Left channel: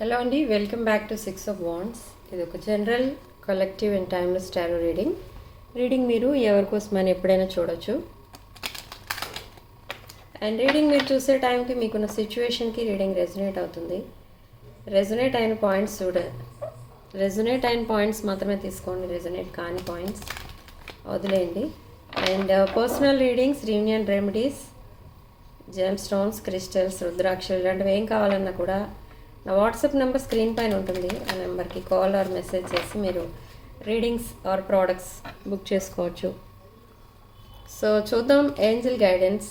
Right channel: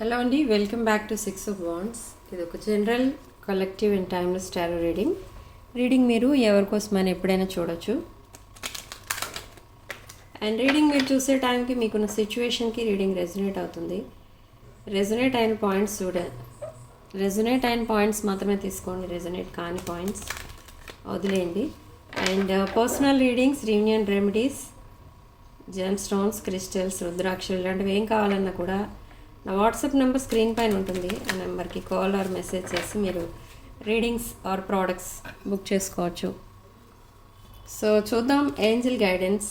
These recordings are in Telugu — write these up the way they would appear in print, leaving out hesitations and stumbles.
హలో అండి, welcome back to 6 of Wands. ఇది ఒక general collective and timeless tarot reading మీరు ఎవరికోసమని ఎప్పుడైనా చూడొచ్చు. అండ్ రీడింగ్ మీరు చూసే టైంకి మీకున్న సిచ్యువేషన్కి రీడింగ్ రెజొనేట్ అవుతుంది. రెజొనేట్ అయిన పాయింట్స్ మాత్రమే తీసుకోండి, రెజొనేట్ కాని పాయింట్స్ వదిలేయండి. And personal readings, reunion remedies, gem stones, crystals, రుద్రాక్షలు ఇలాంటివి ఏం కావాలన్నా కూడా నా వాట్సాప్ నెంబర్ స్క్రీన్ పైన ఉంటుంది. ఆ నెంబర్కి కాల్ ఆర్ మెసేజ్ చేసి మీరు రీడింగ్స్ ఆర్ ప్రోడక్ట్స్ బుక్ చేసుకోవచ్చు. సో చూద్దాం. Angel guidance,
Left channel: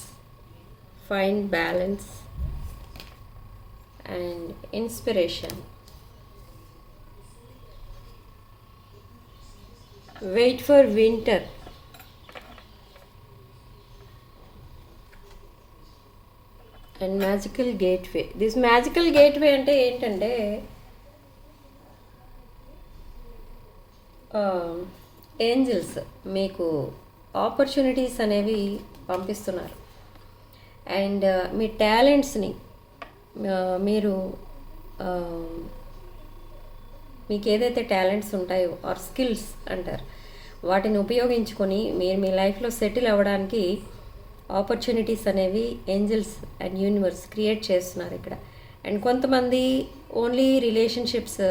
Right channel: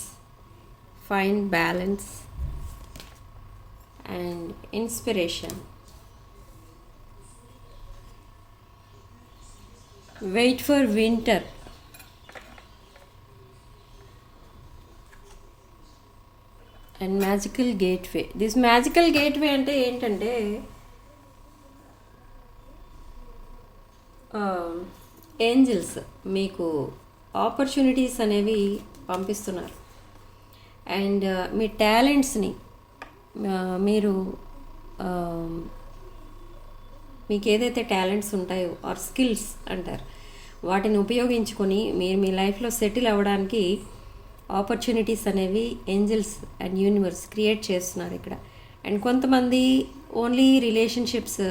find balance and inspiration. Wait for winter. And magical gateway. This magical gateway అంటే ఏంటంటే ఏంజల్స్ మీకు ఆపర్చునిటీస్ అనేవి పంపిస్తున్నారు. అండ్ మీ టాలెంట్స్ని మీరు మీకు ఏదైతే టాలెంట్స్ ఉంటాయో ఆర్ స్కిల్స్ అంటారు, వాటిని ఉపయోగించుకొని మీరు మీ లైఫ్లో సెటిల్ అవ్వడానికి ఆపర్చునిటీస్ అనేవి ఏంజల్స్ అండ్ యూనివర్స్ క్రియేట్ చేస్తున్నారు ఇక్కడ. అండ్ కొంతమంది ఓన్లీ రిలేషన్షిప్స్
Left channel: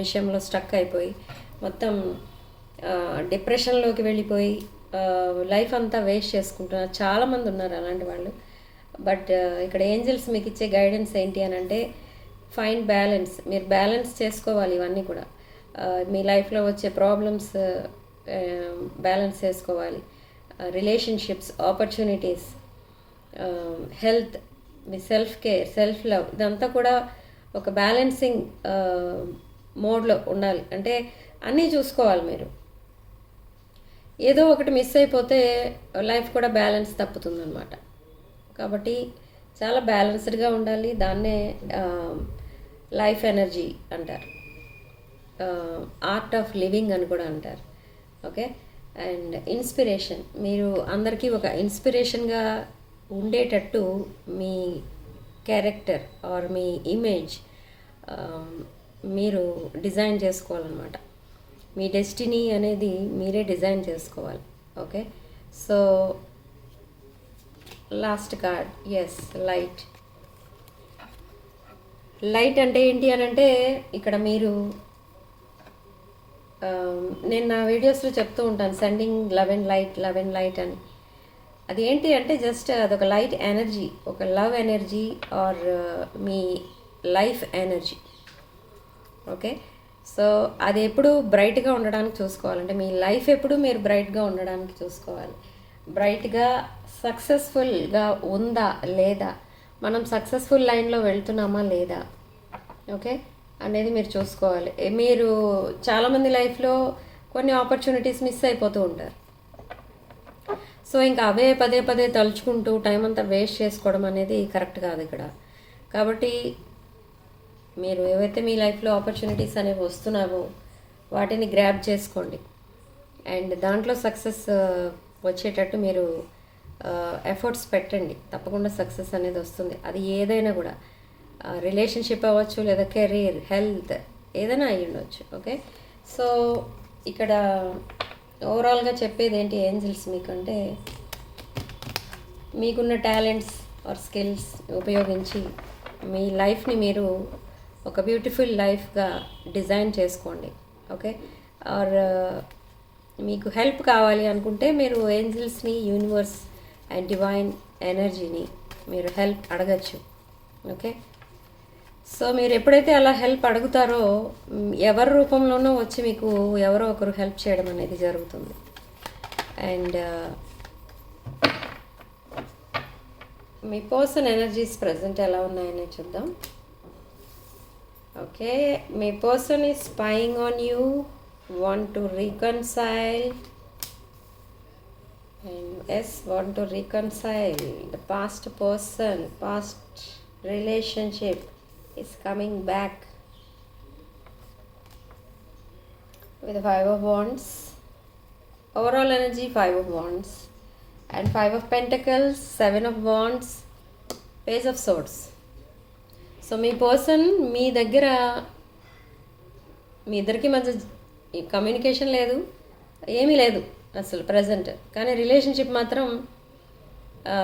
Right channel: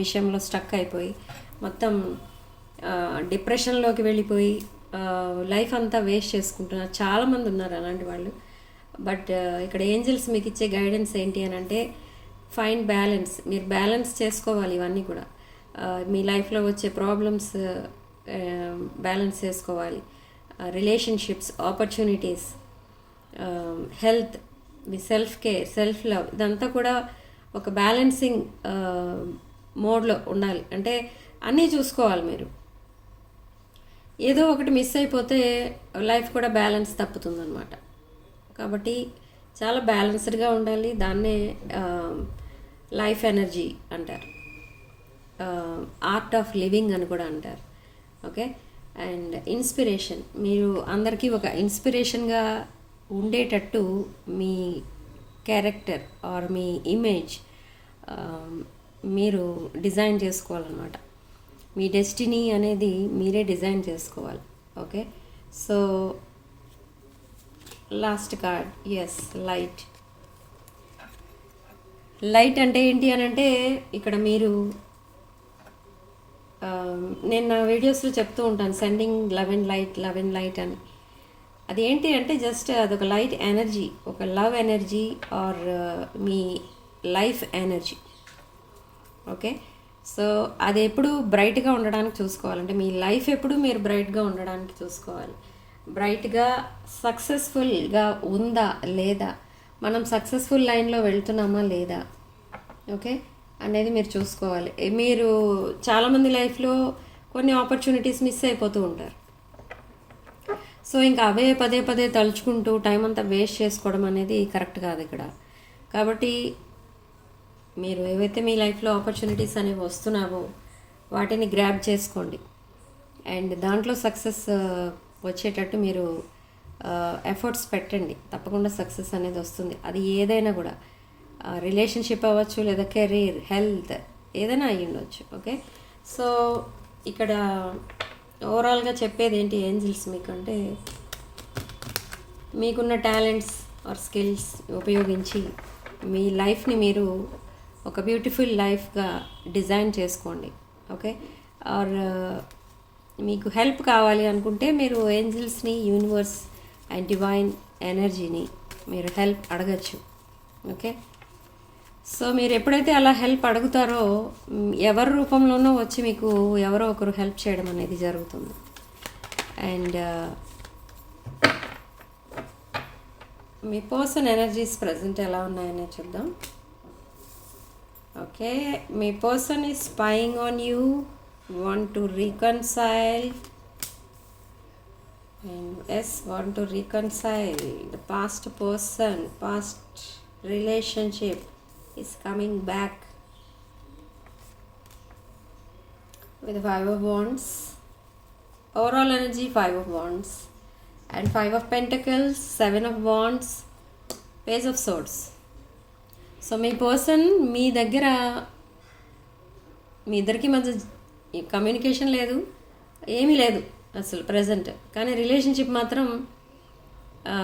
విషయంలో స్టక్ అయిపోయి మొత్తం డిప్రెషన్లోకి వెళ్ళిపోయి లైఫ్ అంతా వేస్ట్ చేసుకుంటున్నారు. చాలామంది ఉన్నారు అలాంటి వాళ్ళు. బట్ ఇక్కడ ఏంజల్స్ మీకు ఇచ్చే గైడెన్స్ ఏంటి అని అంటే ఫైండ్ బ్యాలెన్స్. మీరు బ్యాలెన్స్ చేసుకోవాలి ఇవన్నీ కూడా. మీ లైఫ్లో వచ్చే ప్రాబ్లమ్స్ బ్యాలెన్స్ చేసుకోవాలి. రిలేషన్షిప్స్, ఆపర్చునిటీస్, హెల్త్, మీ సెల్ఫ్ కేర్, సెల్ఫ్ లవ్, ఇదంతా కూడా ఒక బ్యాలెన్సింగ్ మోడ్లో ఉండాలి. అంటే అన్నీ చూసుకోవాలి మీరు. ఏదో ఒకటి మిస్ అయిపోతే లైఫ్ కూడా బ్యాలెన్స్ తప్పుతుందన్నమాట. కాబట్టి చాలా బ్యాలెన్స్డ్గా ఉండాలి. దాన్నే లైఫ్ ఎనర్జీ అంటారు, ఆర్ట్ ఆఫ్ లివింగ్ అని కూడా అంటారు. ఓకే. And inspiration. మీరు అందరికీ ఒక ఇన్స్పిరేషన్గా ఉండేటట్టు మీ క్యారెక్టర్ ఆర్ మీ ఇమేజ్ మీరు డిజైన్ చేసుకోవాలన్నమాట. మీ డెస్టినీ అనేది మీరే డిజైన్ చేసుకోవాలి. Okay. So last card, yes, light. Light అంటే ఏంటి అని అంటే ఇక్కడ మీరు నేను నా వీడియోస్లో చెప్తూ ఉంటాను, సెండింగ్ లవ్ అండ్ లైట్ అని. అది ఏంటి అంటే జస్ట్ అదొక లైట్ ఎనర్జీ, ఒక లవ్ ఎనర్జీ ఆర్ మీ లైఫ్ ఎనర్జీ. ఓకే. సో అది ఎప్పుడు బ్రైట్గా ఉండడానికి చూసుకోవాలంటే మీ లైఫ్ ఎప్పుడు మీరు బ్రైట్గా ఉండడానికి చూసుకోవాలి. బ్రైట్గా సక్సెస్ఫుల్గా ఉందా లేదా, మనం సక్సెస్ఫుల్ లైన్లో వెళ్తున్నామా లేదా, ఓకే అనేది మీరు చూసుకోవాలి. మీరు చాలామంది లైఫ్లో కొన్ని ఆపర్చునిటీస్ మిస్ అయిపోతూ ఉంటారు. సో ఇంకా అవే పదే పదే తలుచుకుంటూ టైం అంతా వేస్ట్ చేసుకోవడం అనేది కరెక్ట్ కాదు ఇక్కడ. కాబట్టి మీరు ఏవైతే మీ లైఫ్లో ఆపర్చునిటీస్ అనేవి వస్తున్నావో వాటిని గ్రాబ్ చేసుకోండి. అండ్ దాంట్లో సక్సెస్ వచ్చేటట్టు మీరు ఎఫర్ట్స్ పెట్టండి. తప్పకుండా సక్సెస్ అనేది వస్తుంది. అది ఏదైనా కూడా, రిలేషన్షిప్ అవ్వచ్చు, లేదా కెరీర్, హెల్త్, ఏదైనా అయ్యి ఉండొచ్చు. ఓకే. సో ఇక్కడ ఓవరాల్గా చెప్పేది ఏంటి ఏంజల్స్ మీకంటే, మీకున్న టాలెంట్స్ ఆర్ స్కిల్స్ ఉపయోగించి మీ లైఫ్ని మీరు ఒక బ్యూటిఫుల్ లైఫ్గా డిజైన్ చేసుకోండి. ఓకే. ఆర్ మీకు హెల్ప్ కావాలి అనుకుంటే మీరు ఏంజల్స్ని, యూనివర్స్ అండ్ డివైన్ ఎనర్జీని మీరు హెల్ప్ అడగచ్చు. ఓకే. సో మీరు ఎప్పుడైతే అలా హెల్ప్ అడుగుతారో ఎవరి రూపంలోనో వచ్చి మీకు ఎవరో ఒకరు హెల్ప్ చేయడం అనేది జరుగుతుంది. And me person energies present ఎలా ఉన్నాయని చూద్దాం. Okay. Me person is spying on you, want to reconcile. Want to reconcile. The past person, past relationship is coming back with 5 of Wands. Overall energy 5 of Wands and 5 of Pentacles, 7 of Wands, Page of Swords. So మీ పర్సన్ మీ దగ్గర, మీ ఇద్దరికి మధ్య కమ్యూనికేషన్ లేదు, ఏమీ లేదు అసలు ప్రజెంట్. కానీ రిలేషన్షిప్ మాత్రం ఆ,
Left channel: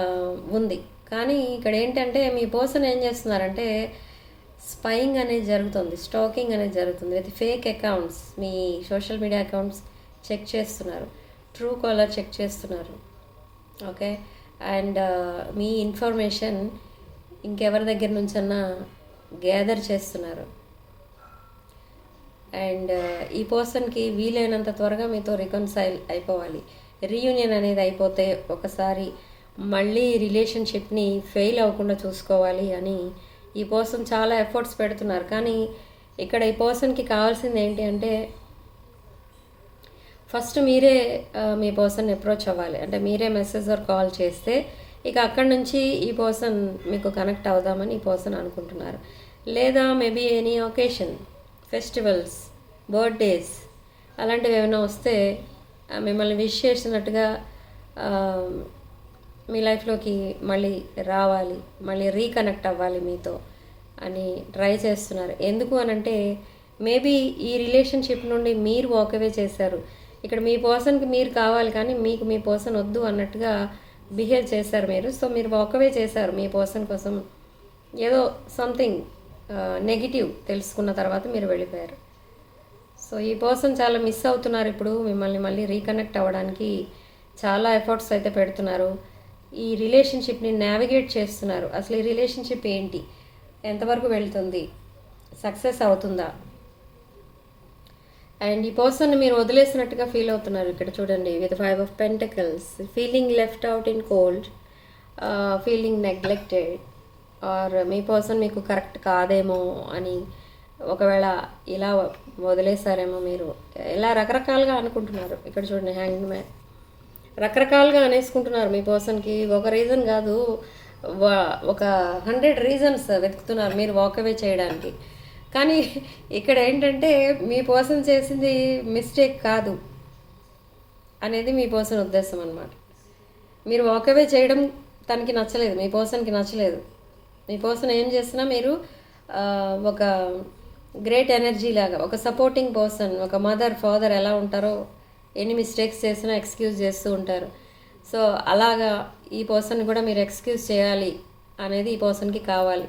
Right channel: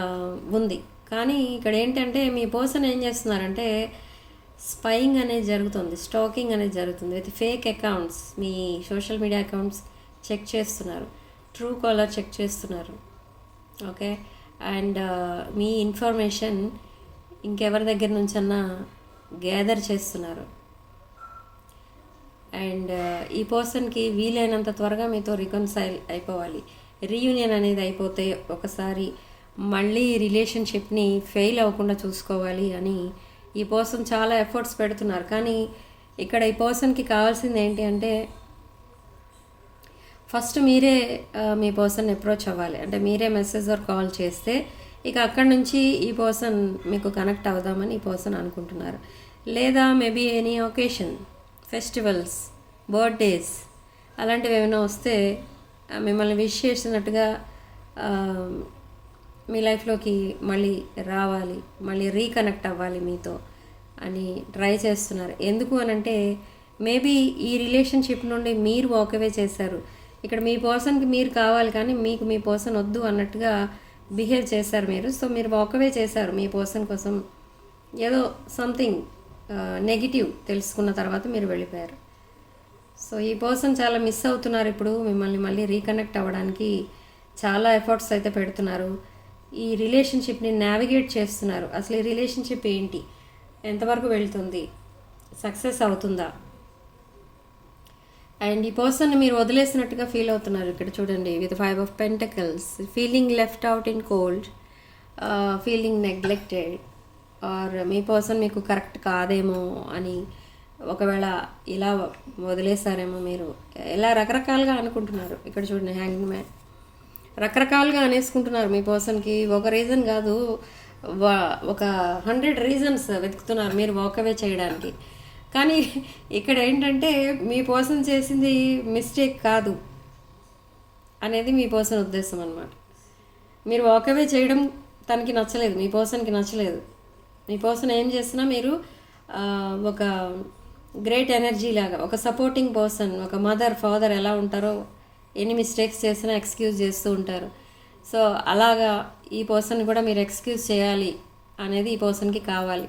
ఉంది. కానీ ఇక్కడ ఏంటంటే మీ పర్సన్ ఏం చేస్తున్నారంటే స్పైయింగ్ అనేది జరుగుతుంది, స్టాకింగ్ అనేది జరుగుతుంది విత్ ఫేక్ అకౌంట్స్. మీ సోషల్ మీడియా అకౌంట్స్ చెక్ చేస్తున్నారు, ట్రూ కాలర్ చెక్ చేస్తున్నారు. ఓకే, అండ్ మీ ఇన్ఫర్మేషన్ ఇంకెవరి దగ్గర నుంచన్నా గ్యాదర్ చేస్తున్నారు. అండ్ ఈ పర్సన్కి వీలైనంత త్వరగా మీతో రికన్సైల్ అయిపోవాలి. రీయూనియన్ అనేది అయిపోతే ఒకసారి మళ్ళీ రిలేషన్షిప్ని ఫెయిల్ అవ్వకుండా చూసుకోవాలి అని ఈ పర్సన్ చాలా ఎఫర్ట్స్ పెడుతున్నారు. కానీ ఇక్కడ ఈ పర్సన్కి కావాల్సింది ఏంటి అంటే ఫస్ట్ మీరే మీ పర్సన్ అప్రోచ్ అవ్వాలి. అంటే మీరే మెసేజ్ ఆర్ కాల్ చేస్తే ఇక అక్కడి నుంచి ఈ పర్సన్ మీకు కనెక్ట్ అవుదామని ఈ పర్సన్ అనుకుంటున్నారు. లేదా maybe any occasion, festivals, birthdays అలాంటివి ఏమైనా వస్తే మిమ్మల్ని విష్ చేసినట్టుగా మీ లైఫ్లోకి మళ్ళీ రావాలి, మళ్ళీ రీకనెక్ట్ అవ్వాలి మీతో అని ట్రై చేస్తున్నారు. ఎందుకు అనంటే మేబీ ఈ రిలేషన్షిప్ నుండి మీరు వాకవే చేశారు. ఇక్కడ మీ పర్సన్కి మీరు కావాలి కానీ మీకు మీ పర్సన్ వద్దు అన్నట్టుగా బిహేవ్ చేశారు మీరు. సో మీరు వాకవే చేశారు మీ పర్సన్ కోసం. ఏదో సంథింగ్ నెగిటివ్ తెలుసుకున్న తర్వాత మీరు వెళ్ళిపోయారు. సో ఈ పర్సన్ చాలా మిస్ అవుతున్నారు ఇప్పుడు మిమ్మల్ని మళ్ళీ రీకనెక్ట్ అవ్వడానికి. చాలా ఎఫర్ట్స్ అయితే పెడుతున్నారు, ఈ రిలేషన్షిప్ని నావిగేట్ చేస్తున్నారు. అసలు ఈ రిలేషన్షిప్ ఏంటి, ఎంతవరకు వెళ్తుంది, సక్సెస్ అవుతుందా. అండ్ ఈ పర్సన్ మీరు వదిలేసినట్టుగా ఫీల్ అవుతున్నారు. ఇక్కడ చూడండి with 5 of Pentacles, feeling left out in cold, feeling neglected, or మీ పర్సన్ మీకు కరెక్ట్ కాదేమో అని ఒకవేళ ఇలా వదిలేసారేమో మీరు, ఇలా రకరకాలుగా అనుకుంటున్నారు. ఇక్కడ చూడండి హ్యాంగింగ్ మ్యాన్, రకరకాలుగా అనేసుకుంటున్నారు మీ పర్సన్కి. ఒక రీజన్ కాదు, ఒక 100 రీజన్స్ వెతుకుతున్నారు మీరు వాకవే చేయడానికి. కానీ ఇక్కడ ఏంటంటే మీ పర్సన్ చేసింది మిస్టేక్ కాదు అనేది మీ పర్సన్ ఉద్దేశం అనమాట. మీరు వాకవే చేయడం తనకి నచ్చలేదు, మీ పర్సన్కి నచ్చలేదు. మీ పర్సన్ ఏం చేసినా మీరు ఒక గ్రేట్ ఎనర్జీ లాగా, ఒక సపోర్టింగ్ పర్సన్, ఒక మదర్ ఫాదర్ ఎలా ఉంటారో ఎన్ని మిస్టేక్స్ చేసినా ఎక్స్క్యూజ్ చేస్తూ ఉంటారు. సో అలాగా ఈ పర్సన్ కూడా మీరు ఎక్స్క్యూజ్ చేయాలి అనేది ఈ పర్సన్కి కావాలి.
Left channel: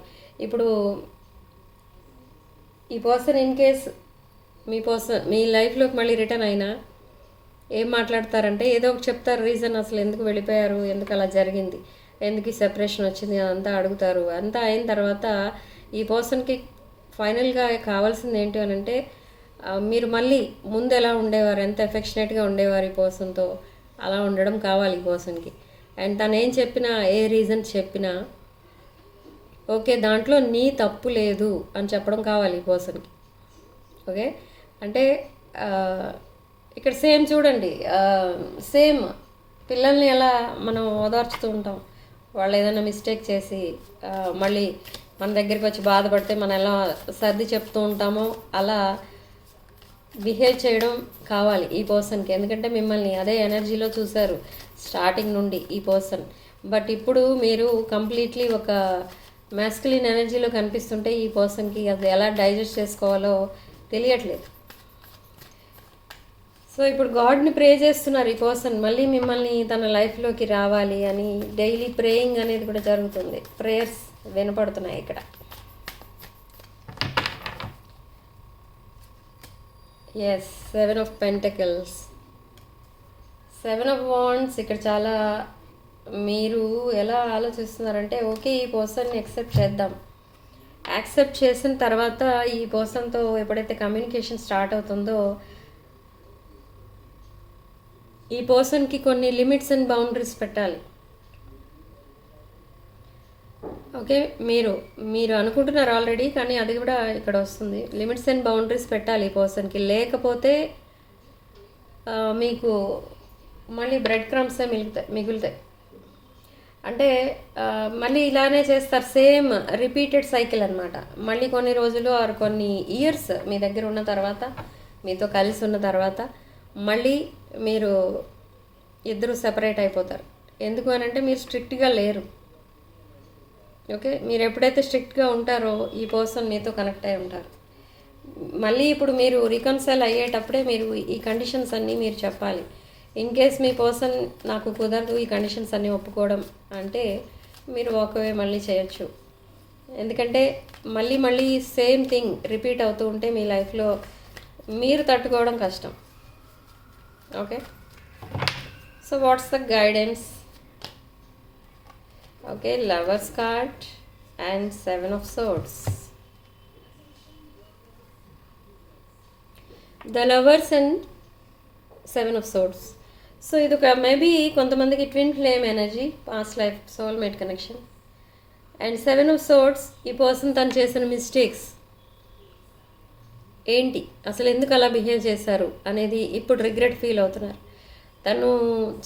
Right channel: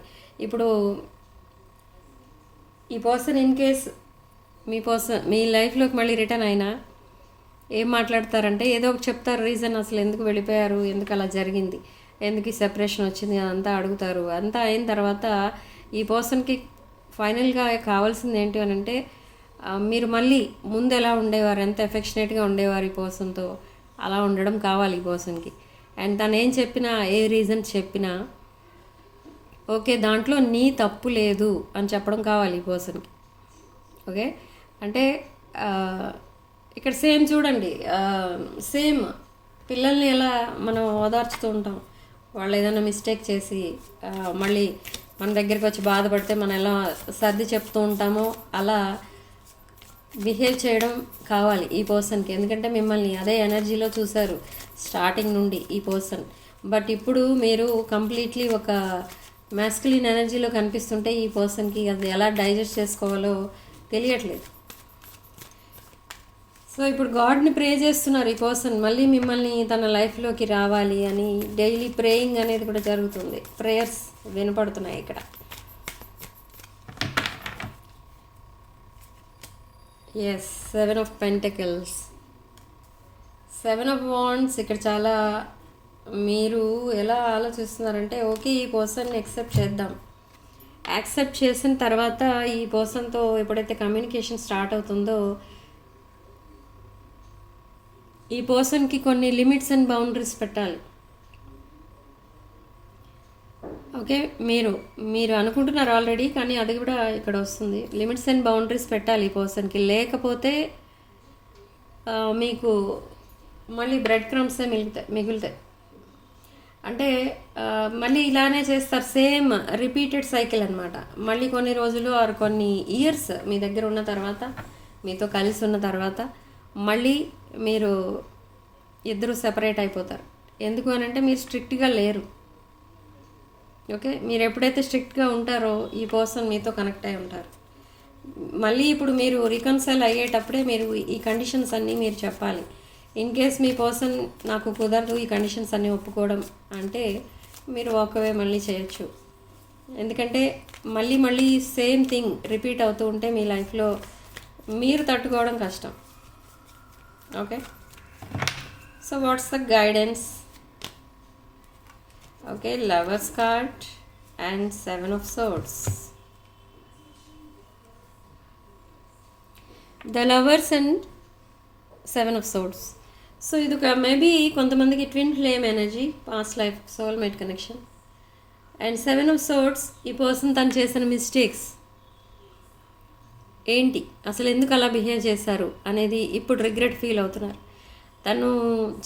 ఇప్పుడు ఈ పర్సన్ ఇన్ కేస్ మీ పర్సన్ మీ లైఫ్లోకి మళ్ళీ రిటర్న్ అయినా ఏం మాట్లాడతారంటే ఏదో ఒక చెప్తారు రీజన్, అసలు ఎందుకు వెళ్ళిపోయారు, ఎందుకు అలా జరిగింది, ఎందుకు ఈ సెపరేషన్ వచ్చింది అదంతా అడుగుతారు. అంతా అయిన తర్వాత ఈ పర్సన్కి ఫైనల్గా కావాల్సింది ఏంటి అని అంటే మీరు మళ్ళీ ముందు ఎలా ఉండేవారు, ఎంత ఎఫెక్షనేట్గా ఉండేవారు ఈ పర్సన్తో, అలా ఉండడం కావాలి ఈ పర్సన్కి. అండ్ తను ఏం చెప్పినా, ఏ రీజన్ చెప్పినా ఓకే దాంట్లో నీ తప్పు లేదు అని చెప్పడం కావాలి ఈ పర్సన్కి. ఓకే, అంటే ఇక్కడ సేమ్ చూడండి, సేమ్ పిల్లల్ని ఎలా మనం ఓదార్చుతూ ఉంటాం, వాళ్ళు ఏదైనా మిస్టేక్ చేసి మళ్ళీ మన దగ్గరికి వచ్చి బాధపడితే మనం ఎలా సర్ది చెప్తూ ఉంటామో అలా బిహేవ్ చేయడం కావాలి ఈ పర్సన్కి. ఎందుకంటే మిమ్మల్ని అదే ఎనర్జీలో చూశారు స్టార్టింగ్ నుండి ఈ పర్సన్. బట్ ఇప్పుడు మీరు కంప్లీట్లీ ఒక మ్యాస్కులిన్ ఎనర్జీలో కనిపిస్తుంటే ఈ పర్సన్కి అది ఎలా డైజెస్ట్ చేసుకోవాలో తెలియట్లేదు. సో ఇప్పుడు గాడ్ని ప్రే చేస్తున్నారు ఈ పర్సన్, మళ్ళీ మిమ్మల్ని తన లైఫ్లోకి రావాలి అని డైలీ ప్రేయింగ్ అనేది కూడా జరుగుతుంది. ప్రేయర్స్ వినపడుతున్నాయి ఇక్కడ. Yes, 7 of Pentacles, 7 of Wands. ఇక్కడ చాలా మీరు ఎలా ఆలోచిస్తున్నారంటే ఓకే ఈ పర్సన్ని యాక్సెప్ట్ చేద్దాం, యాక్సెప్ట్ చేసిన తర్వాత ఈ పర్సన్తో ఎప్పుడైతే కమ్యూనికేషన్ స్టార్ట్ అవుతుందో ఈ పర్సన్కి కొన్ని లిమిట్స్ అండ్ బౌండరీస్ పెట్టాలి. ఓకే, మీరు అనుకుంటున్నారు ఆల్రెడీ, కానీ అది కూడా ఇక్కడ వస్తుంది. లిమిట్స్ అండ్ బౌండరీస్ పెట్టాలి ఈ పర్సన్కి, లేకపోతే మీకు మళ్ళీ బ్రెడ్ క్రమ్సే మిగులుతాయి. అంటే మళ్ళీ ఇలానే చేస్తారు, సేమ్ రిపీటెడ్ సైకిల్ అనమాట. మళ్ళీ కొన్ని రోజులు ఆర్ కొన్ని ఇయర్స్ మీ దగ్గర ఉన్న తర్వాత, మీతో కలిసి ఉన్న తర్వాత మళ్ళీ మీరు ఇద్దరు సెపరేట్ అయిపోతారు. ఎందుకు అని అంటే మీరు స్ట్రిక్ట్గా లేరు, ఓకే, మీరు ఎప్పుడైతే స్ట్రిక్ట్గా ఉంటారో ఈ పర్సన్ మీతో కనెక్ట్ అయి ఉంటారు. మళ్ళీ ఇప్పుడు మీరు రికన్సైల్ అయ్యేటప్పుడే మీరు ఈ కండిషన్స్ అన్నీ మీరు చెప్పాలి. ఇన్ కేస్ మీ పర్సన్ నాకు కుదరదు ఈ కండిషన్స్ అన్నీ ఒప్పుకోవడం అంటే మీరు వాకవే మళ్ళీ చేయొచ్చు. ఎందుకంటే మళ్ళీ మళ్ళీ సేమ్ థింగ్ రిపీట్ అవుతూ ఉంటే మీ లైఫ్లో మీరు తట్టుకోవడం కష్టం. Okay, so what's the guidance? Okay, lovers card and 7 of swords. The lovers and 7 of swords. So ఇది ఒక మేబీ కొంతమందికి twin flame energy, past life soulmate connection. And 7 of swords, ఈ పర్సన్ తను చేసిన మిస్టేక్స్ ఏంటి, అసలు ఎందుకు అలా బిహేవ్ చేశారు అనేది ఇప్పుడు రిగ్రెట్ ఫీల్ అవుతున్నారు. తను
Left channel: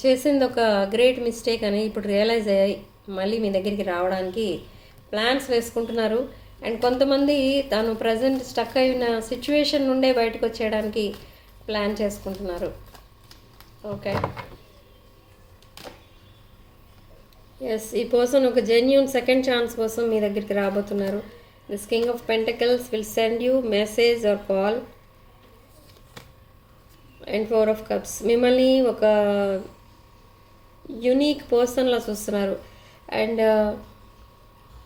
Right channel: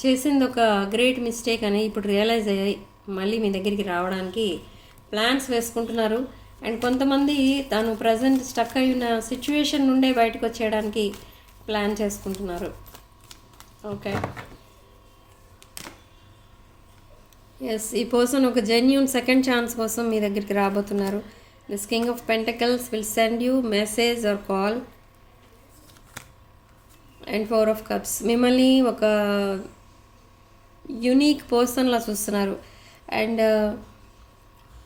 చేసింది ఒక గ్రేట్ మిస్టేక్ అని ఇప్పుడు రియలైజ్ అయ్యాయి మళ్ళీ మీ దగ్గరికి రావడానికి ప్లాన్స్ వేసుకుంటున్నారు. అండ్ కొంతమంది తాను ప్రజెంట్ స్టక్ అయిన సిచ్యువేషన్ నుండే బయటకు వచ్చేయడానికి ప్లాన్ చేసుకుంటున్నారు. ఓకే, ఎస్, ఈ పర్సన్ ఒక జెన్యూన్ సెకండ్ ఛాన్స్ కోసం మీ దగ్గరికి రాబోతున్నారు. This King of Pentacles will send you message or call. And 4 of cups, మిమ్మల్ని ఒక యునీక్ పర్సన్లా చూస్తున్నారు. అండ్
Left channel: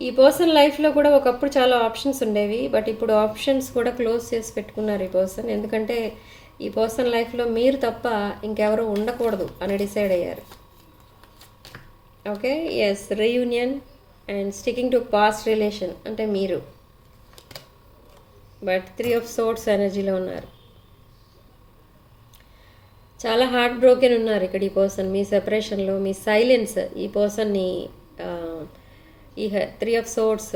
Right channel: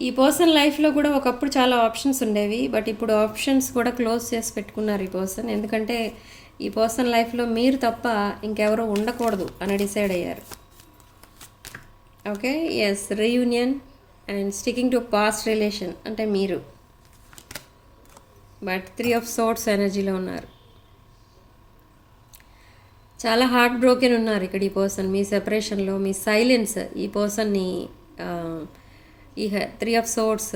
ఈ పర్సన్ లైఫ్లో కూడా ఒకప్పుడు చాలా ఆప్షన్స్ ఉండేవి, బట్ ఇప్పుడు ఆప్షన్స్ కూడా క్లోజ్ చేసి పెట్టుకున్నారు ఈ పర్సన్. ఎందుకంటే ఈ పర్సన్ లైఫ్లో మీరు తప్ప ఇంకెవరో ఉండకూడదు అని డిసైడ్ అయ్యారు. Okay, yes, reunion and sticking to past relation అంటే మీరు, బట్ 3 of swords ఎనర్జీలో ఉన్నారు. చాలా హార్ట్ బ్రోకెన్ ఉన్నారు ఇక్కడ ఈ పర్సన్. మీ సెపరేషన్లో మీ సైలెన్స్ ఈ పర్సన్ని ఈ 3 of swords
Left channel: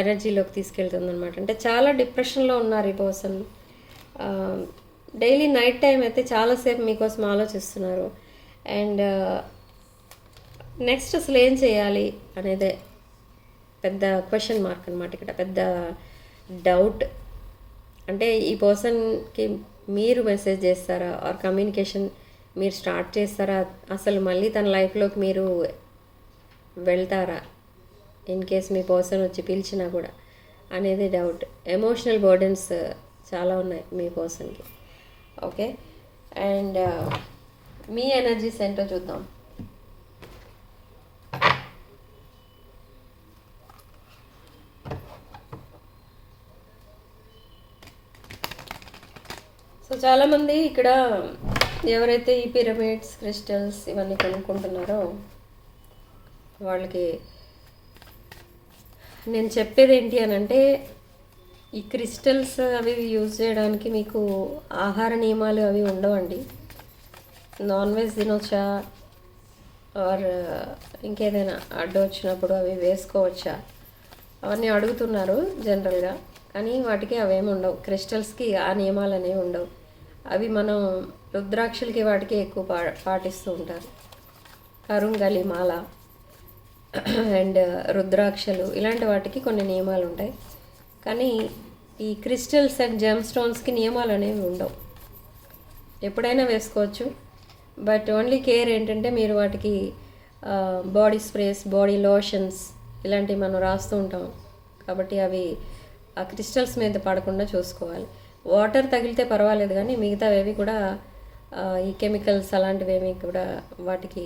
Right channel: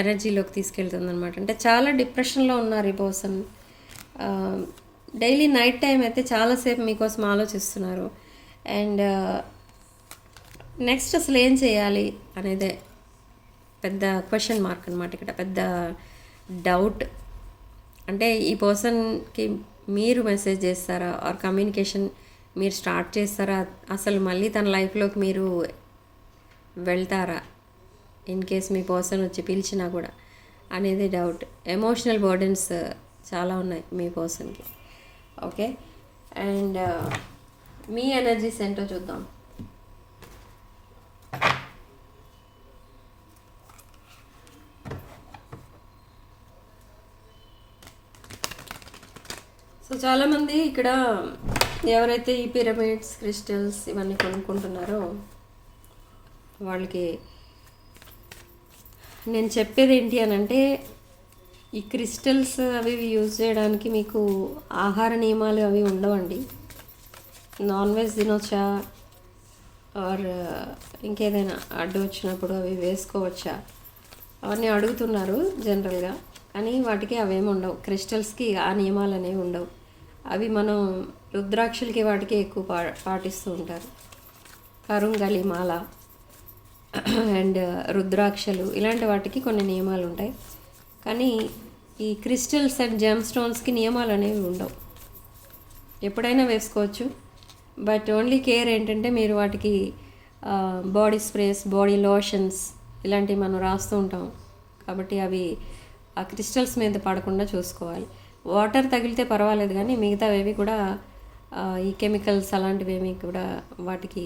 ఎనర్జీలోకి తీసుకెళ్తుంది అనమాట. అంటే చాలా డిప్రెషన్లో ఉన్నారు ఈ పర్సన్. డైలీ నైట్ టైం అయితే చాలాసేపు మీకోసం ఆలోచిస్తున్నారు. అండ్ నెక్స్ట్ అసలు ఏం చేయాలి అనేదే పెద్ద క్వశ్చన్ మార్క్ అనమాట ఇక్కడ, పెద్ద డౌట్. అంటే ఈ పర్సన్కి మీరు మెసేజ్ చేస్తారా ఆర్ కమ్యూనికేషన్ మీరు స్టార్ట్ చేస్తారా, అసలు మళ్ళీ తన లైఫ్లోకి మీరు వెళ్తారా ఇన్ కేస్ మీ పర్సన్ వచ్చి పిలిచినా కూడా అనేది డౌట్. ఎమోషనల్ బర్డెన్స్ చాలా ఉన్నాయి మీ పర్సన్కి. ఓకే, అండ్ మీ ఎనర్జీస్ ఏంటో చూద్దాం. సో చాలామంది ఇక్కడ ఎవరైతే ఈ పిరమిడ్స్, క్రిస్టల్స్ ఇవన్నీ కొనుక్కుంటున్నారో వాళ్ళకి నేను చెప్పేది ఏంటి అని అంటే, ఈ క్రిస్టల్స్ అవి యూజ్ చేయడానికి మీకు ఆహార నియమాలు అవి ఉండవండి. నాన్ వెజ్ తినొచ్చా ఆర్ ఇంకేదైనా అడ్డు వచ్చినప్పుడు అవి వేసుకోవచ్చా అవన్నీ అడుగుతున్నారు జనరల్గా. కానీ వాటికి అవేమి ఉండవు, క్రిస్టల్స్కి ఆ నియమాలు అనేవి ఉండవు. అవి మనం రుద్రాక్షలకి వాటికి ఎక్కువ పాటిస్తూ ఉంటారు. కరుంగలి మాల అండ్ రుద్రాక్షలు ఇలాంటి వాటికి కొన్ని నియమాలు ఉంటాయి. కానీ ఈ క్రిస్టల్స్ అండ్ జెమ్ స్టోన్స్కి నియమాలు అనేవి ఉండవు, ఎప్పుడైనా వేసుకోవచ్చు. బట్ ఓన్లీ కేర్ ఏంటంటే మీరు వాటికి బాడీ స్ప్రేస్, బాడీ లోషన్స్ ఇలాంటివి మనం రాస్తూ ఉంటాం కాబట్టి అవి ఆ క్రిస్టల్స్ మీద పడకుండా చూసుకోవాలి. వాటర్ తగిలితే పర్వాలేదు, కానీ మిగతావేవి కూడా ఈ కెమికల్స్ అలాంటివేమీ కూడా వాటికి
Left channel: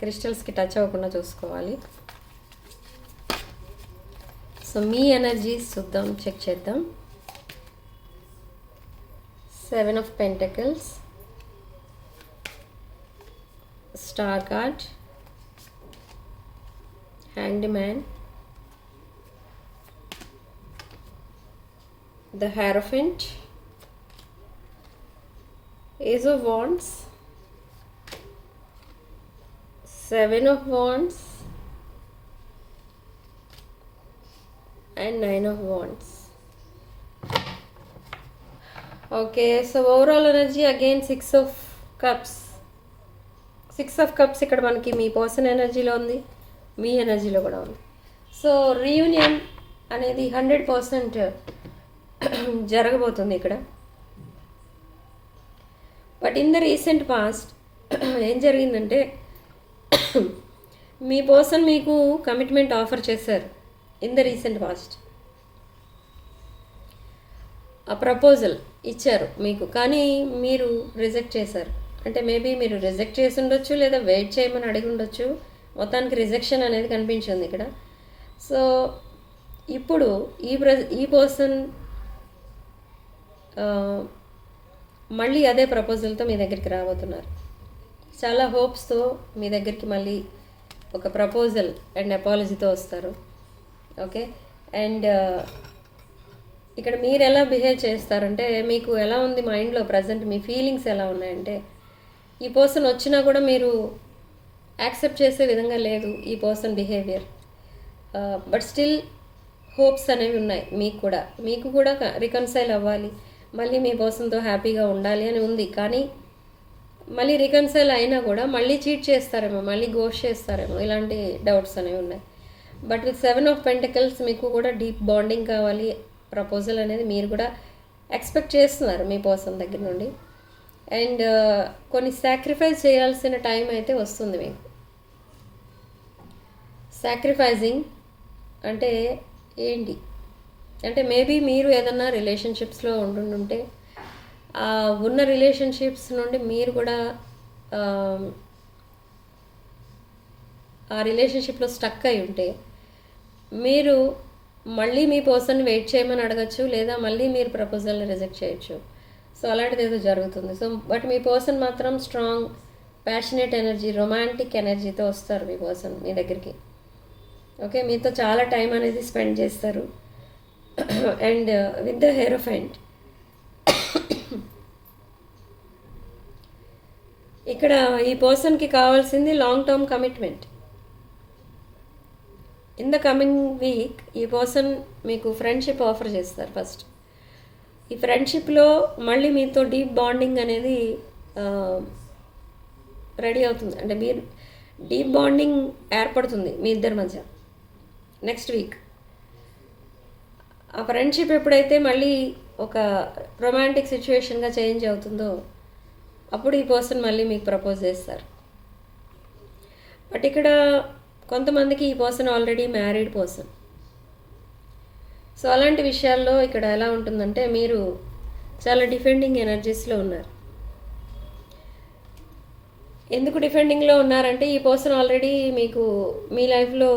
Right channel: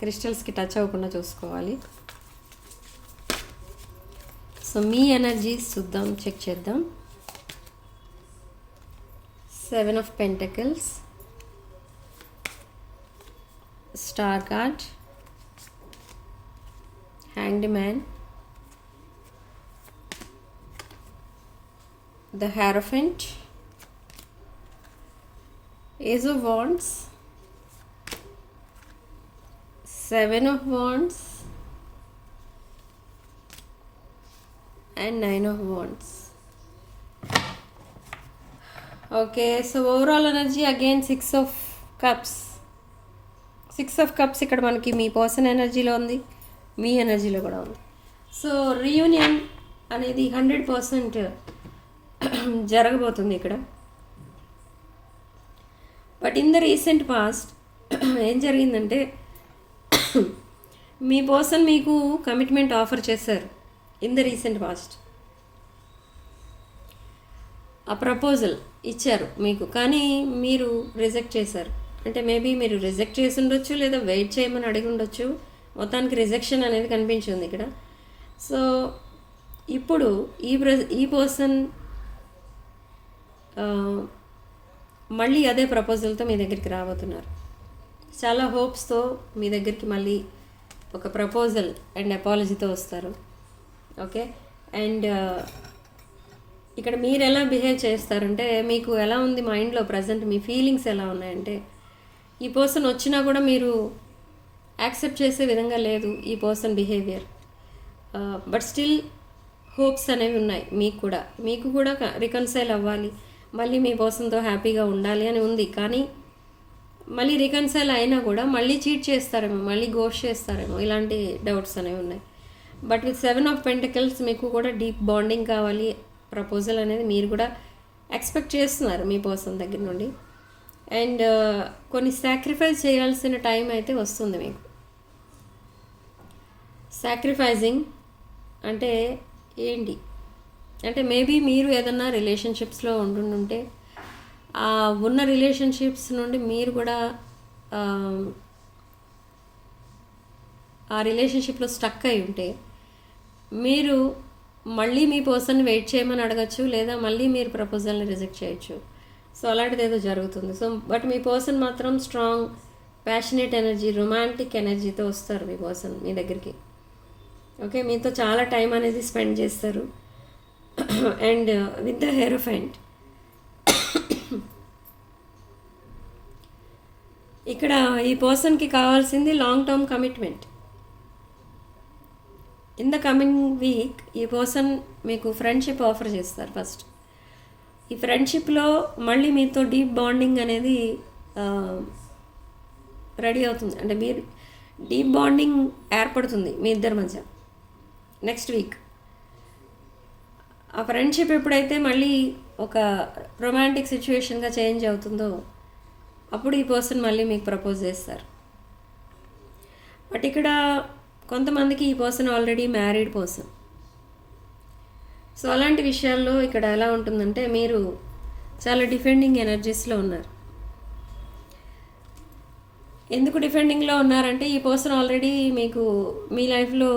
క్రిస్టల్స్కి టచ్ అవ్వకుండా చూసుకోవాలి. సో మీ ఎనర్జీస్ చూద్దాం, చెక్ చేద్దాం. 7 of Pentacles, Star card, Hanged Man, the Hierophant, Ace of Wands, 7 of Wands and 9 of Wands. Okay, so overall energy again 6 of Cups. 6 of Cups ఇక్కడ మనకి మీ పర్సన్ ఎనర్జీలో ఉంది, మీ ఎనర్జీలో కూడా ఉంది. సో రీయూనియన్ అనేది 100% జరగబోతుంది ఇక్కడ. But in the recent past ఏం జరిగిందంటే, మీ పర్సన్ మీకు కమిట్మెంట్ ఆఫర్ చేశారు ఇన్ ద రీసెంట్ పాస్ట్. ఆ ప్రపోజల్ ఇచ్చారు మీకు, కానీ మీరు రిజెక్ట్ చేశారు. అంటే మేబీ మీరు రిజెక్ట్ చేసి ఉండొచ్చు, లేదా వెయిట్ చేయమని అడిగి ఉండొచ్చు. మొత్తానికి రిజెక్షన్ అనేది కనిపించింది ఇక్కడ. సో ఇప్పుడు ఈ పర్సన్ మళ్ళీ అదే ప్రపోజల్తో మీ దగ్గరికి రాబోతున్నారు. చాలా హోప్స్తో మీ దగ్గరికి మళ్ళీ ఒక ప్రపోజల్ అండ్ అపాలజీతో వస్తారు. ఓకే, అండ్ ఇక్కడ మీరు ఎలా బిహేవ్ చేస్తారంటే, మీకు ఎలా ఉంది మైండ్లో ప్రజెంట్, మీ ఫీలింగ్స్ ఎలా ఉన్నాయంటే, ఈ పర్సన్ వచ్చినా కూడా మీరు యాక్సెప్ట్ చేసే విధంగా లేదు ఈ person behaviour. But still hopes అనేవి ఉన్నాయి మీకు కూడా రికన్సైల్ అవ్వాలి, మళ్ళీ మీ పర్సన్తో హ్యాపీగా ఉండాలి అని ఉంది. కానీ మళ్ళీ రికన్సైల్ అయినా కూడా మళ్ళీ చీట్ చేస్తారేమో, మళ్ళీ గోస్ట్ చేస్తారేమో, ఇలాంటి డౌట్స్ అనేవి ఉన్నాయి. బట్ విత్ 7 ఆఫ్ పెంటికల్స్ మీకు కూడా డీప్ బాండింగ్ కావాలి, ప్రపోజల్ అనేది మీరు కూడా ఎక్స్పెక్ట్ చేస్తున్నారు మీ పర్సన్ దగ్గర నుండి. అండ్ కొన్ని సాక్రిఫైస్ చేయాల్సిన టైం అయితే వస్తుంది మీకు. సాక్రిఫైజింగ్ అంటే ఏంటి అంటే, మేబీ మీరు ఏదన్నా రిలేషన్షిప్స్లో ఉంటుంటే ఆ ఉన్న రిలేషన్షిప్స్ నుండి మీరు కూడా ఆ రిలేషన్షిప్లో స్టక్ అయి ఉంటే మీరు మళ్ళీ మీ పర్సన్ వెయిట్ చేయమని అడగచ్చు, లేదా మళ్ళీ మీరు ప్రపోజల్ని రిజెక్ట్ చేయొచ్చు. సో అలాంటిది ఏదో జరుగుతుంది. సో బట్ మీ పర్సన్ మాత్రం స్ట్రాంగ్ ప్యాషనేట్ ఎనర్జీ, రొమాంటిక్ ఎనర్జీతో వస్తారు మీ పర్సన్ మీ దగ్గరికి. ఓకే, మీతో చాలా టైం అనేది స్పెండ్ చేస్తారు. అండ్ విత్ ద హెరోఫెంట్ ఇక్కడ ఈ పర్సన్కి కావాల్సింది long term commitment. In the coming week ఈ పర్సన్ మీకు ఫ్రెండ్షిప్ ఆఫర్ చేస్తారు. ఫస్ట్ ఈ ఫ్రెండ్షిప్లో మళ్ళీ మీతో డీప్ బాండింగ్ అనేది రెడీ అవుతుంది. అంటే మీరు డీప్ బాండింగ్ ఏర్పడుతుంది మీ ఇద్దరి మధ్య నెక్స్ట్ వీక్. ఆ ఫ్రెండ్షిప్ ఎప్పుడైతే మళ్ళీ ఒక రొమాంటిక్ సిచ్యువేషన్గా చేంజ్ అవుతుందో అప్పుడు ఈ పర్సన్ మళ్ళీ మీకు ప్రపోజ్ చేస్తారు. బట్ ఇక్కడ కొంతమందికి ఈ person already married person. So అలాంటి విషయాల్లో ఇక్కడ ఎలా ఉంటుందంటే, మీరు చాలా డిఫెండింగ్ ఎనర్జీస్లో ఉన్నారు. ఎందుకు డిఫెండింగ్లో ఉన్నారంటే, ఈ పర్సన్ ఆల్రెడీ మీకు మీ లైఫ్లో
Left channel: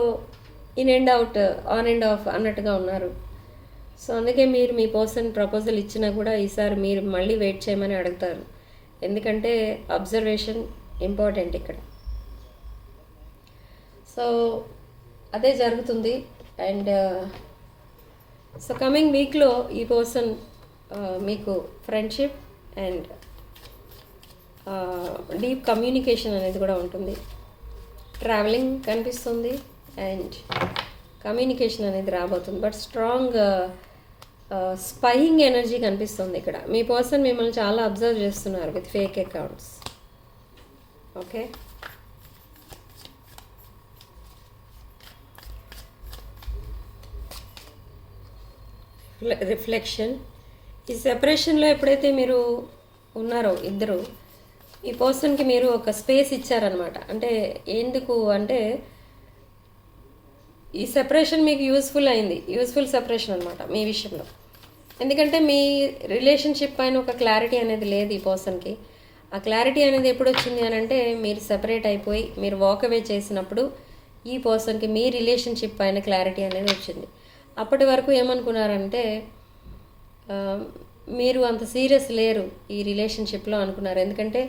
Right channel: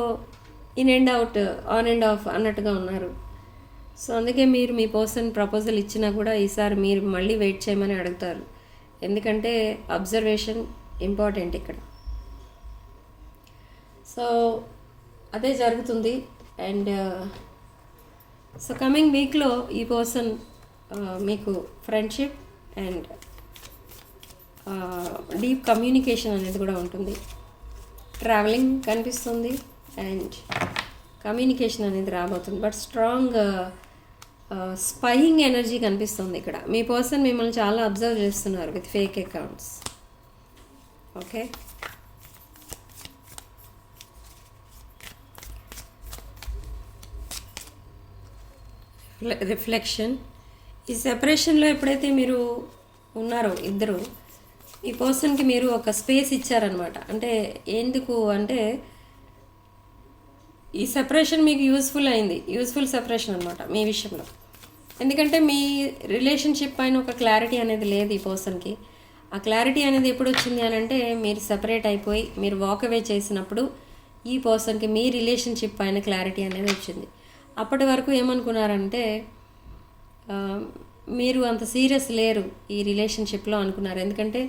in and out, on and of అన్నట్టుగా ఉన్నారు. సో అందుకే మీరు మీ పర్సన్ ప్రపోజల్ ఇచ్చినా కూడా ఈసారి మీరు మళ్ళీ వెయిట్ చేయమని అడుగుతారు. ఎందుకంటే అబ్జర్వేషన్ ఇంపార్టెంట్ ఇక్కడ. సో అదే జరుగుతుంది. అండ్ సో కమింగ్ వీక్లో ఈ పర్సన్ మీకు ఫ్రెండ్షిప్ అండ్ డీప్ కమ్యూనికేషన్ అనేది కూడా ఉంటుంది. ట్రావెలింగ్ కనిపిస్తుంది అండ్ కమ్యూనికేషన్ అనేది రాబోతుంది. బట్ స్ట్రాంగ్ స్పైయింగ్ ఎనర్జీ కనిపిస్తుంది ఇక్కడ. మీ పర్సన్ మిమ్మల్ని చాలా అబ్జర్వ్ చేస్తున్నారు with fake accounts. Okay, reflection. ఈ సెపరేషన్లో ఎప్పుడైతే మీరు ఉన్నారో ఇద్దరు, ఈ పర్సన్కి మీరు ఒక స్పేస్ ఇచ్చారనమాట. అంటే ఎందుకు అంటే, ఈ సెపరేషన్ మీకు యూస్ఫుల్ అయింది, యూస్ఫుల్ సెపరేషన్ అనమాట మీ విషయంలో. ఎందుకంటే మీ రిలేషన్షిప్ పైన ఒక క్లారిటీ అనేది లేదు ఈ పర్సన్కి. ఆ క్లారిటీ అనేది ఎప్పుడు వచ్చింది అని అంటే, మీరు సెపరేట్ అయిపోయి మీరు వాక్ అవే చేసినప్పుడు ఈ పర్సన్కి మీ రిలేషన్షిప్ పైన క్లారిటీ అనేది వచ్చింది. అప్పటి వరకు ఏమనుకున్నారంటే, మీరు అంత సీరియస్ లేరు ఈ రిలేషన్షిప్లో అనుకున్నారు. ఎందుకంటే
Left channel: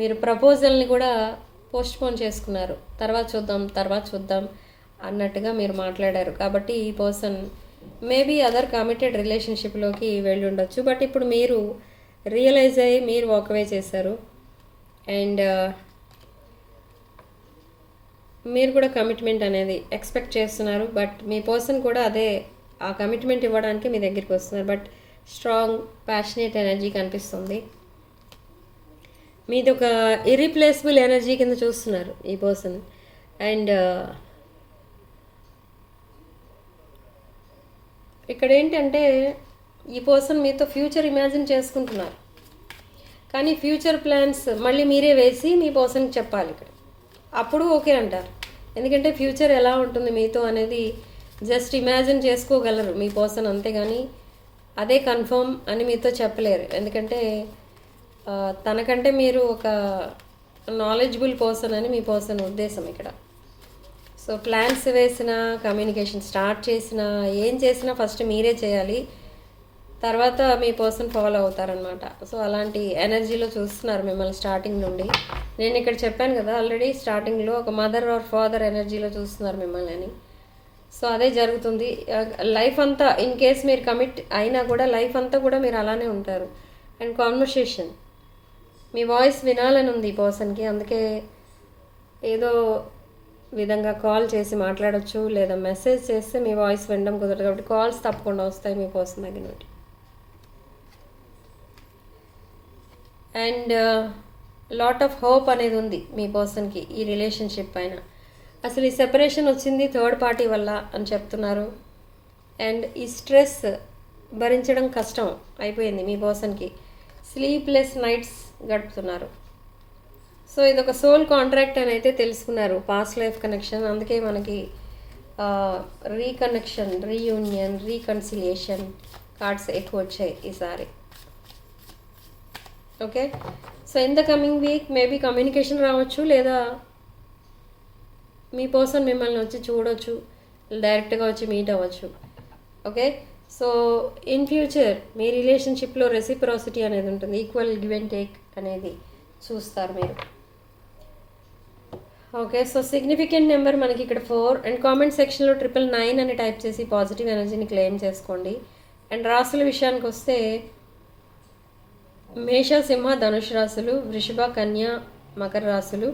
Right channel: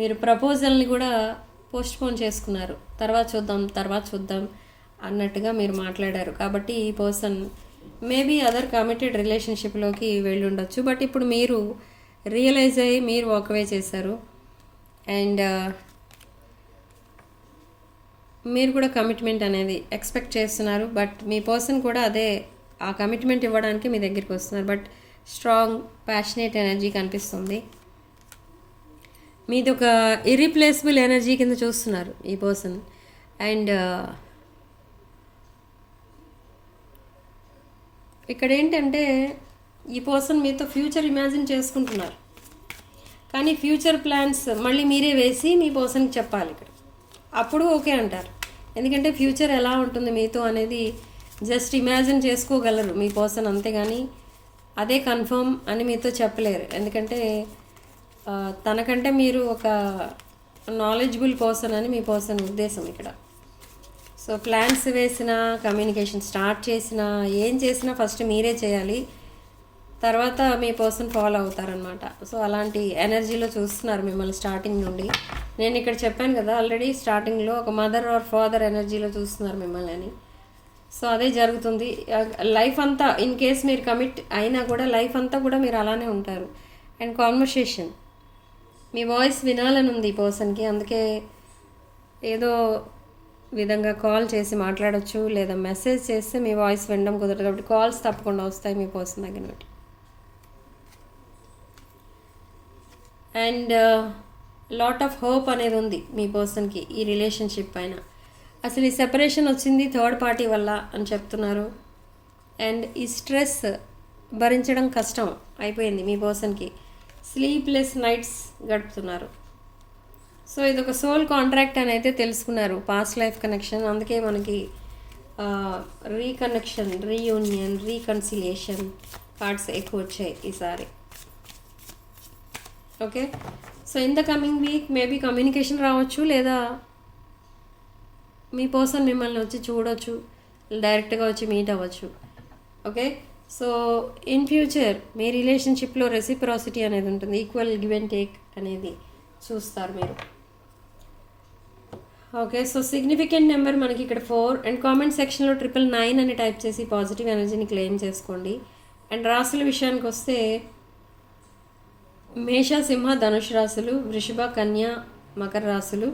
మీరు ప్రపోజల్ని కూడా పోస్ట్పోన్ చేసుకున్నారు. తర్వాత చూద్దాం అన్నట్టుగా మీరు మాట్లాడారు. కాబట్టి ఈ పర్సన్ మేబీ అదర్ కమిటెడ్ రిలేషన్షిప్లోకి వెళ్ళి ఉండొచ్చు. బట్ ఇప్పుడు మీరు రియలైజ్ అయ్యి మీరు వాకవే చేశారు. అండ్ మీరు కూడా కమిట్మెంట్ అనేది ఎక్స్పెక్ట్ చేస్తున్నారు. బట్ మీ పర్సన్ కూడా అదే ఆ కమిట్మెంట్ ఇవ్వడానికి మీ దగ్గరికి వస్తున్నారు. బట్ స్ట్రాంగ్ ప్యాషనేట్ ఎనర్జీ కనిపిస్తుంది. మీది ఒక ఇర్రీప్లేసబుల్ ఎనర్జీ కింద చూస్తున్నారు ఈ పర్సన్. అండ్ ఇక్కడ ఏంటంటే, ఈ పర్సన్ మీతో ఫ్యూచర్ ఇమాజిన్ చేసుకుంటున్నారు. కానీ ఫ్యూచర్ ప్లాన్స్ మళ్ళీ మీరే వేసి మీ పర్సన్కి చెప్పాలి ఇక్కడ. అప్పుడు ఓకే అంటారు. ఎందుకంటే ఫ్యూచర్ ఎలా ఉంటుంది మీతో అనేది జస్ట్ ఇమాజిన్ చేసుకోగలరు మీ పర్సన్, అంతేగాని అదే కన్ఫర్మ్ అని మీతో చెప్పలేరు. ఎందుకంటే తనకంటే మీరు ఒక నాలెడ్జబుల్ పర్సన్ అని మీ పర్సన్ ఉద్దేశం ఇక్కడ. సో ప్లాన్స్ వేసినా, కమ్యూనికేషన్ స్టార్ట్ చేసినా, ఏం చేసినా ఫస్ట్ మీరే చేయాలి, తర్వాత మీ పర్సన్ ఫాలో అవుతారనమాట. సో అలాంటి ఎనర్జీలో చూస్తున్నారు మిమ్మల్ని స్టార్టింగ్ నుండి. నేను ఇక్కడ చెప్పాను కదా ఆల్రెడీ స్టార్టింగ్లో, ఒక మదర్ ఆర్ ఫాదర్ ఎనర్జీలో చూస్తున్నారు మిమ్మల్ని అని. సో అదే జరుగుతుంది లైఫ్ అంతా. ఇన్ కేస్ మీరు కమిట్ అయినా కూడా లైఫ్ అంతా కూడా మీరు అలానే ఉంటారు. అండ్ కాన్వర్సేషన్, మీ వాయిస్ వినాలని ఉంది ఈ పర్సన్కి, అందుకే ఏదో విధంగా కాల్ చేసి మాట్లాడచ్చు, లేదా మెసేజ్ చేస్తే మీ వాయిస్ వినడం కుదరదు, కాబట్టి కాల్స్ తప్పకుండా వస్తాయి మీ పర్సన్ దగ్గర నుండి. అండ్ లాట్ ఆఫ్ హోప్ అనేది ఉంది మీ పర్సన్కి ఈ రిలేషన్షిప్ పైన. అసలు ఈ సెపరేషన్ వచ్చింది థర్డ్ పార్టీ వల్ల అని చెప్తున్నారు. అండ్ ఈ స్ట్రెస్ భరించడం కష్టం అయిపోయింది మీ పర్సన్కి. స్లీప్లెస్ నైట్స్ గడుపుతున్నారు. సో ఇదొక సోల్ కాంట్రాక్ట్ అని అయితే తెలుసుకున్నారు, పాస్ట్ లైఫ్ కనెక్షన్. అందుకే మనకి రీకనెక్షన్, రీయూనియన్, రీకన్సిలియేషన్ కార్డ్స్ ఎక్కువ వచ్చాయి ఈసారి. Okay, so in the coming week maybe communication రావచ్చు, లేదా మీ పర్సన్ మిమ్మల్ని వచ్చి చూడవచ్చు, డైరెక్ట్గా వచ్చి మీట్ అవ్వచ్చు. ఓకే, సో ఇన్ ఫ్యూచర్ మీ రిలేషన్షిప్లో రెసిప్రాసిటీ అనేది ఉంటుంది, ఈక్వల్ గివ్ అండ్ టేక్ అనేది చూస్తారు మీరు. ఓకే, సో సిగ్నిఫికెంట్ నెంబర్ మనకి ఇక్కడ 4. అండ్ కామెంట్ సెక్షన్లో 999 అని టైప్ చేసి పాజిటివ్ ఎనర్జీని క్లెయిమ్ చేసుకోండి. అండ్ రాసుల విషయానికి వస్తే మేష, సింహ, ధనుష్ రాశులు, వృషభ, కన్య, మకర రాశులు,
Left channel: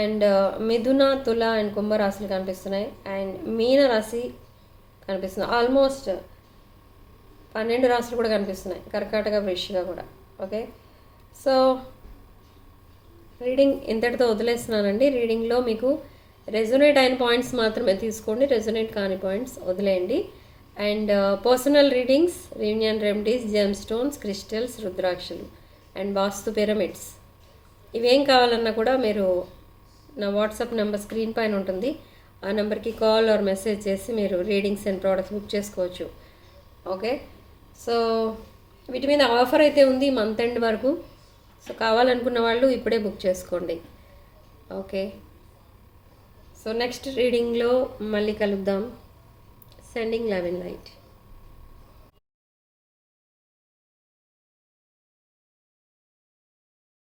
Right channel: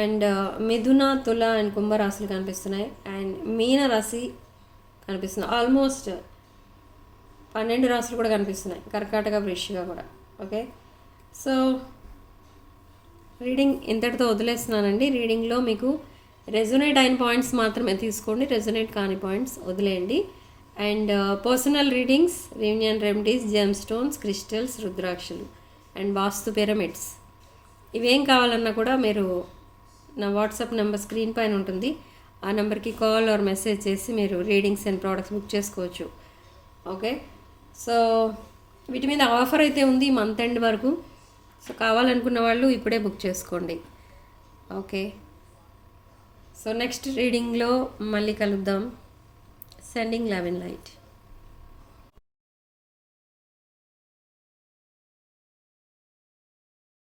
అండ్ మిథున, తుల అండ్ కుంభ రాశులు కనిపిస్తున్నాయి. అండ్ మీన రాశి కనిపిస్తుంది. ఆల్మోస్ట్ 12 రాశులు కూడా కనిపిస్తున్నాయి, కర్కాటక, వృశ్చిక కూడా. ఓకే, సో రీడింగ్ ఇంతటితో వదిలేస్తున్నానండి. రీడింగ్లో మీకు రెజొనేట్ అయిన పాయింట్స్ మాత్రమే తీసుకోండి, రెజొనేట్ కాని పాయింట్స్ వదిలేయండి. And personal readings, reunion remedies, gem stones, crystals, రుద్రాక్షలు అండ్ వాస్తు పిరమిడ్స్, ఇవేం కావాలన్నా కూడా మీరు నా వాట్సాప్ నెంబర్ స్క్రీన్ పైన ఉంటుంది, ఆ నెంబర్కి కాల్ ఆర్ మెసేజ్ చేసి మీరు రీడింగ్స్ అండ్ ప్రోడక్ట్స్ బుక్ చేసుకోవచ్చు. ఓకే, సో వీటి మీద ఆఫర్ అయితే ఉంది మంత్ ఎండ్ వరకు. సో కావాలనుకున్న వాళ్ళు ఇప్పుడే బుక్ చేసుకోండి. ఓకే, సో నెక్స్ట్ రీడింగ్లో మళ్ళీ కలుద్దాం. Sending love and light.